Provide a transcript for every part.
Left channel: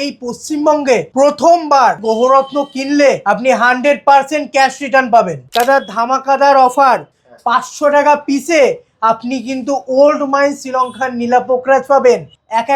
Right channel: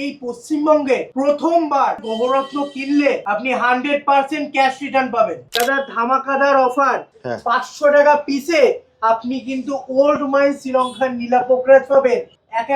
এই পশ্চিমবঙ্গে প্রথমবার গ্রহরত্ন কিনলে আপনি 100% ক্যাশ রিটার্ন পাবেন। দাদা ধামাকাদার অফার, 500 টাকা পিসে আপনি কিন্তু ওল্ড মাইন শ্রীলঙ্কার নীলা পোকরাজ পাবেন।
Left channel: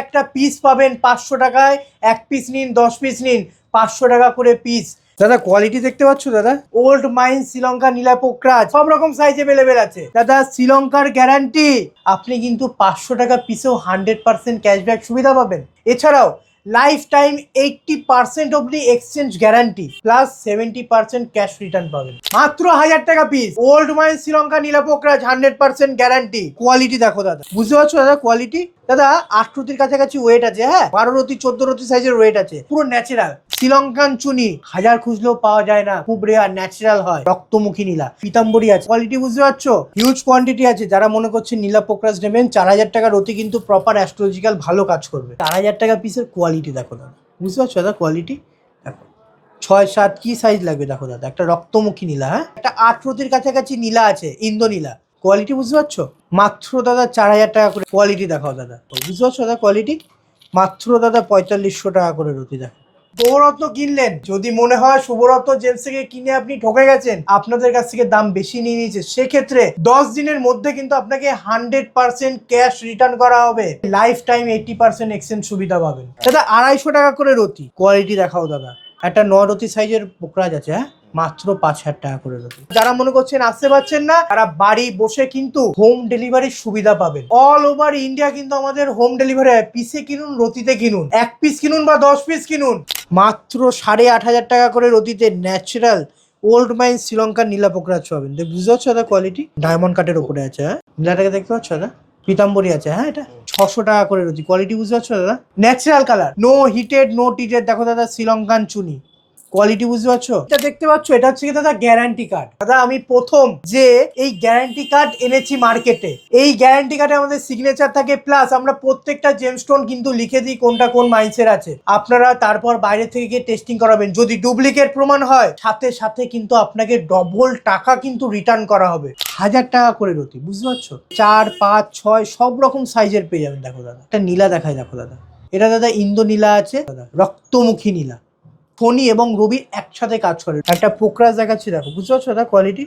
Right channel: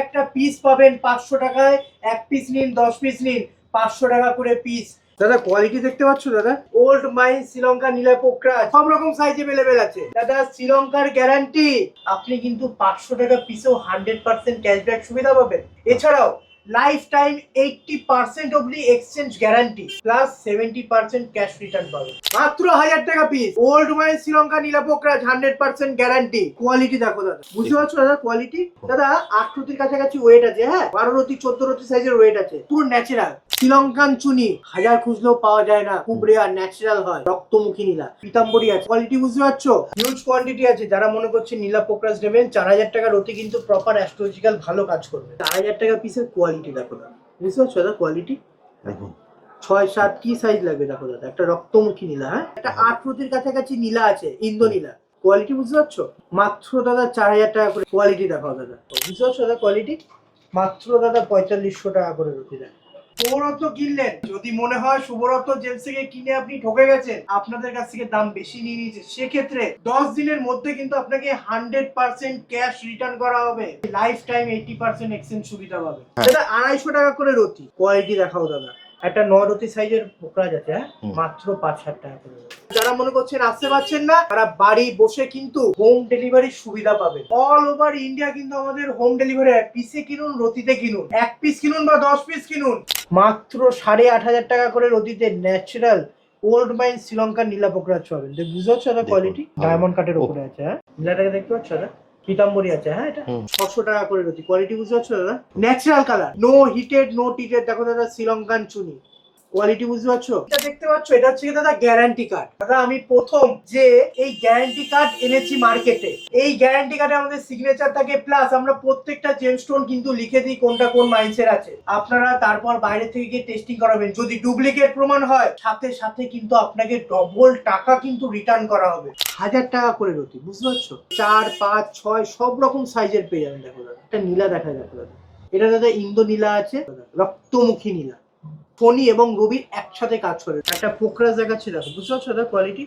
একটা পিস পাবেন 500 টাকায়, 1 পিস নিন 10 পিস নিন 500 টাকা করে পিস। দাদা কোয়ালিটি দেখতে পাচ্ছ দাদা, ওল্ড মাইন শ্রীলঙ্কা নীলা পোকরাজ সব রকম সাইজ अवेलेबल আছে দাদা। শ্রীলঙ্কার গ্যারান্টি, আপনি কিন্তু 500 টাকা পিসেও 100% ক্যাশব্যাক সুবিধা পাবেন। এছাড়াও লাইফ টাইম 80% অবধি exchange guarantee plus 70% cash return পাবেন মাত্র 1000 টাকা পিস। ওল্ড মাইন শ্রীলঙ্কা নীলা পোকরাজ 100% গ্যারান্টি। কোয়ালিটি দেখো দাদা, বুঝতে পারছো দাদা কোয়ালিটি? দাদা 8 রতির কাছাকাছি ওয়েট আছে, হ্যাঁ 12 রতি 14 রতি সাইজের ওয়েট আছে, পুরো ন্যাচারাল শ্রীলঙ্কান চুনি, হাজার খুঁজলেও পাওয়া যায় না, খুব রেয়ার, ন্যাচারাল হয়। রক্তমুখী নীলা পিতাম্বরী আছে, কোয়ালিটি বুঝতে পারছো? হিউজ কোয়ান্টিটি আছে। যারা মনে করছে নীলা পোকরাজ নেবেন, 4000 টাকা রতি কিন্তু প্রপার অ্যাস্ট্রোলজিক্যাল ভালো কাজ করবে। 4000 টাকা পিসের কোয়ালিটি দেখো দাদা, বুঝতে পারছো দাদা কোয়ালিটি? দেখো 6-7 কি সাইজ লাগবে দেখো দাদা। একটা রক্তমুখী নীলা, হ্যাঁ একটা 8 রতির কাছাকাছি নীলা আছে, ইন্দো নীলা। কোয়ালিটি বুঝতে পারছো? মাত্র দাদা 4000 টাকা করে কোয়ালিটি দেখো দাদা, বুঝতে পারছো দাদা কোয়ালিটি? মাত্র দাদা 4500 টাকা করে রতি দেখো। শুভরত্ন কিনলেন, যদি মনে হয় শুভরত্ন জেমস থেকে কিনে আপনি ঠকে গেছেন, আপনাদের কাছ থেকে দাম বেশি নিয়ে নিয়েছে, সেক্ষেত্রে 10 দিনের মধ্যে কিন্তু আপনাকে 100% ক্যাশ রিটার্ন করা হবে। লাইফ টাইম 80% এক্সচেঞ্জ সুবিধা পাবেন। দাদা 250 টাকা করে রতি। কোয়ালিটি দেখাও দাদা, একটা 9 রতি সাইজের পোকরাজ আছে, হ্যাঁ মাত্র 5000 টাকা করে রতি। যারা মনে করছেন আসতে পারছেন না, তারা বাড়ি বসে কিন্তু হোম ডেলিভারির সুবিধা পাবেন। অল ওভার ইন্ডিয়া কিন্তু আমাদের হোম ডেলিভারি হয়। পিসে কিনুন, রতিতে কিনুন, 1 পিস কিনুন বা 10 পিস কিনুন, মাত্র 8500 টাকা করে রতিতে ন্যাচারাল ওল্ড মাইন শ্রীলঙ্কার নীলা পোকরাজ পাবেন। বুঝতে পারছো দাদা কোয়ালিটি? ডায়মন্ড কাটের উপরে আছে, হ্যাঁ নীলাটাকে দেখতে পাচ্ছ দাদা? পিতাম্বরী আছে, হ্যাঁ এটা 600 টাকা করে রয়েছে। কোয়ালিটি বুঝতে পারছো দাদা? Natural colour, no heated no টিটেড। দেখো দাদা শ্রীলঙ্কান চুনি, কোয়ালিটি বুঝতে পারছো? এটা দেখতে পাচ্ছ, এটা হচ্ছে দাদা গ্যারান্টি কার্ড। দাদা আমি প্রথম যে এই গ্যারান্টি কার্ড এনেছি মার্কেটে। এই গ্যারান্টি কার্ডে আমাদের সিগনেচার থাকে, প্লাস আমরা প্রত্যেকটা জেমস্টোন কিন্তু লিখে দিই কোনটা কোন মাইন্সের আছে। আপনারা তারপর বাইরে থেকে গিয়ে টেস্টিং করাবেন। যদি ডুপ্লিকেট প্রমাণ হয়, সাথে সাথে কিন্তু আপনাকে ডবল টাকা কিন্তু রিটার্ন করা হবে। 1000 টাকা করে রতি, বুঝতে পারছো? 4, 5, 6 সব রকম সাইজের পেয়ে যাবেন। দেখো দাদা একটা নীলা দেখায়, দেখো দাদা এটা দাদা ইন্দো নীলা আছে দাদা, রক্তমুখী নীলা, ফণি এবং রবি একসাথে কাজ করে। একটা পোকরাজ দেখাচ্ছি দেখো, বুঝতে পারছো দাদা কোয়ালিটি?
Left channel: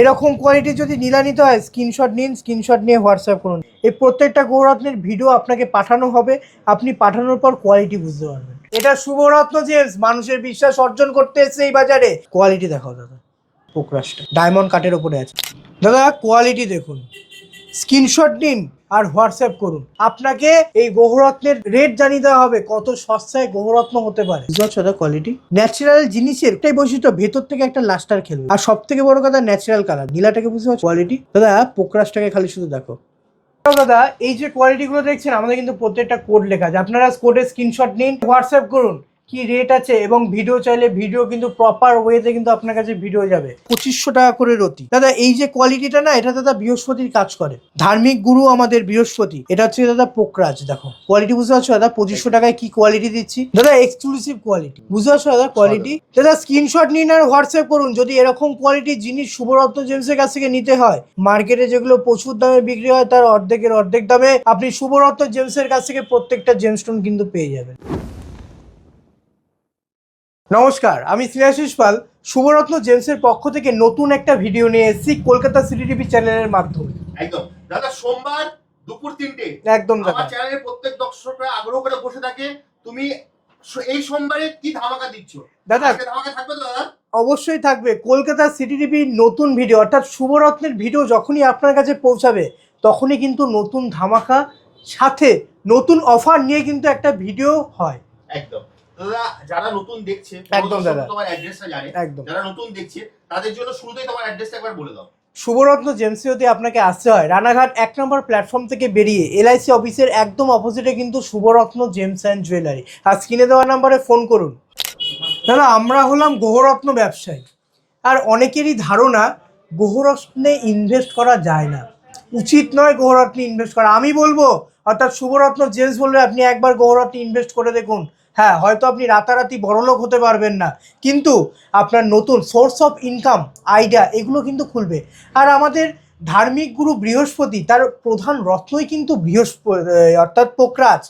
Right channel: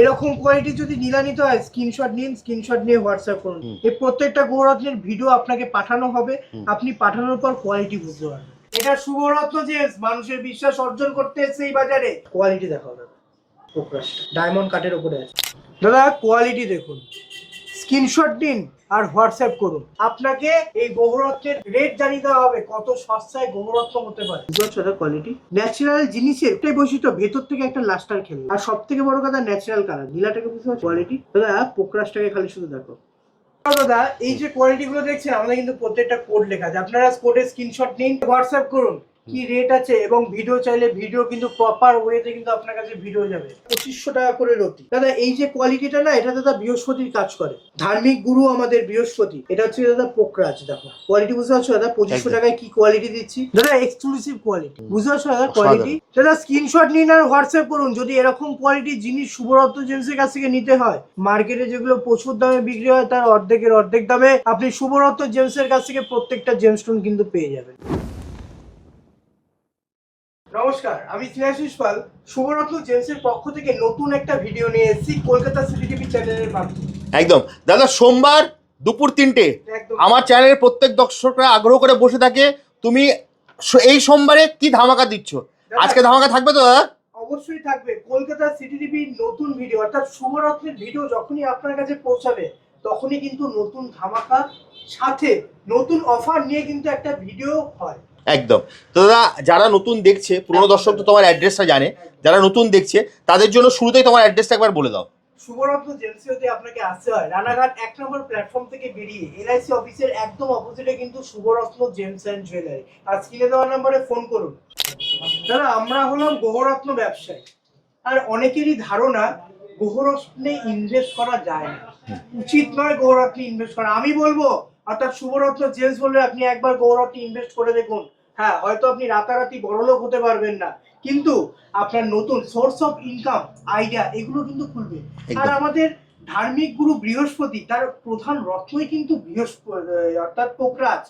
এরকম কোয়ালিটি যদি নীলা নিতে হয়, স্ক্রিনশট নিন, স্ক্রিনশট নিয়ে হোয়াটসঅ্যাপ করুন। এই প্রত্যেকটা গৌররত্নের ভিডিও আপনাকে পাঠানো হবে, আপনি পাঠানোর পর কোয়ালিটি বুঝতে পারবেন। এটা শুভরত্ন জেমস মানুষের বিশ্বাস অর্জন করতে এসেছে এই বাজারে। কোয়ালিটি দেখো দাদা, পোকরাজটা ডায়মন্ড কাটের উপরে আছে দাদা। কোয়ালিটি দেখুন, স্ক্রিনশট নিন আর হোয়াটসঅ্যাপ করুন। আপনাকে এই গ্রহরত্নের রেট জানিয়ে দেওয়া হবে, কত সস্তায় গ্রহরত্ন হতে পারে। বুঝতে পারছো দাদা কোয়ালিটি? ন্যাচারাল জিনিসের একটাই বৈশিষ্ট্য, ভেতর থেকে একটা লাস্টার খেলবে। আর সব থেকে বড় কথা ন্যাচারাল কালার। নীলাটাকে বুঝতে পারছো কোয়ালিটি? দাদা পোকরাজটাকে খালি শুধু দেখো। দাদা এই যে কোয়ালিটি গুলো দেখছেন, আমাদের কিন্তু প্রত্যেকটা কোড লেখা আছে। আপনারা কোডের স্ক্রিনশট নিন, হোয়াটসঅ্যাপ করুন কি রেট আছে, এবং ভিডিও চাইলে ভিডিও কিন্তু প্রপার ওয়েতে কিন্তু আপনার কাছে ভিডিও যাবে। 2500 টাকা করে রতি। দাদা এই যে কোয়ালিটিটা না, এটা দাদা বৃহস্পতির কাজ করে, ধার্মিক গুরু আমাদের বৃহস্পতি। এটা হচ্ছে দাদা পোকরাজ। দেখো কোয়ালিটি বুঝতে পারছো দাদা? 2500 টাকায় কি কোয়ালিটি দিচ্ছি দাদা, এক্সক্লুসিভ কোয়ালিটি। বুঝতে পারছো দাদা কোয়ালিটি? দাদা স্ক্রিনশট নিন আর হোয়াটসঅ্যাপ করুন। যদি এরকম কোয়ালিটির জিনিস শুভরত্ন জেমসের কাছ থেকে নিতে হয়, মার্কেটে যেগুলো প্রচুর দামে বিক্রি হয় তার অর্ধেকের অর্ধেক দামে আপনি শুভরত্ন জেমসের কাছ থেকে প্রত্যেকটা জেমস্টোন কিন্তু পেয়ে যাবেন। নমস্কার, আমি স্নেহাশিস পাল। শুভরত্ন জেমসের পক্ষ থেকে নতুন একটা ভিডিও নিয়ে এসেছি কলকাতা সিটি টিভি চ্যানেলের মাধ্যমে। একদম দাদা, সোমবার দুপুর 3টে একদম আমার চ্যানেলের প্রত্যেক দর্শকরা আগ্রহ করে বসে থাকে, তুমি এই সোমবারে কি ধামাকা দিচ্ছ? আজকে ধামাকা থাকবে তো দাদা? অবশ্যই থাকবে। কলকাতা সিটি টিভির নতুন ভিডিও, অর্থাৎ শুভরত্নের ভিডিও যখনই আপনার কাছে পৌঁছাবে, তখনই কিন্তু নতুন ধামাকা সাথে নতুন অফার নিয়ে কিন্তু একটা ভিডিও হয়। একদম। তো দাদা যারা নতুন দেখছে, পুরনো দর্শক তো তোমার অ্যাড্রেসটা জানে, যারা নতুন দেখছে তাদের জন্য শুরুতেই তোমার অ্যাড্রেসটা একবার বলে দাও। শুভরত্ন জেমসে যদি আপনাকে আসতে হয়, রানাঘাট 1 নম্বর প্ল্যাটফর্ম থেকে বেরিয়ে LIC অফিসের একদম অপোজিটে কিন্তু শুভরত্ন জেমস অ্যান্ড জুয়েলারি। আর স্ক্রিনে দেওয়া নাম্বারে ফোন করুন। দাদা আমরা হলাম গ্রহরত্ন ব্যবসায়ী, আর অনেকেরই ধারণা গ্রহরত্নে ইনভেস্ট করা যায় না, উচিত নয় গ্রহরত্নে ইনভেস্ট করা। আমি বলবো, অর্থাৎ শুভরত্ন জেমস বলবে আপনি একবার গ্রহরত্নে ইনভেস্ট করে দেখুন। হ্যাঁ হয়তো আপনি রাতারাতি বড়লোক হতে পারবেন না, কিন্তু আপনার নতুন সোর্স অফ ইনকাম, আইডিয়া এগুলো কিন্তু খুলবে। আর আমাদের ধার্মিক গুরু বৃহস্পতি, তার প্রধান রত্নই কিন্তু বৃহস্পতি অর্থাৎ পোকরাজ।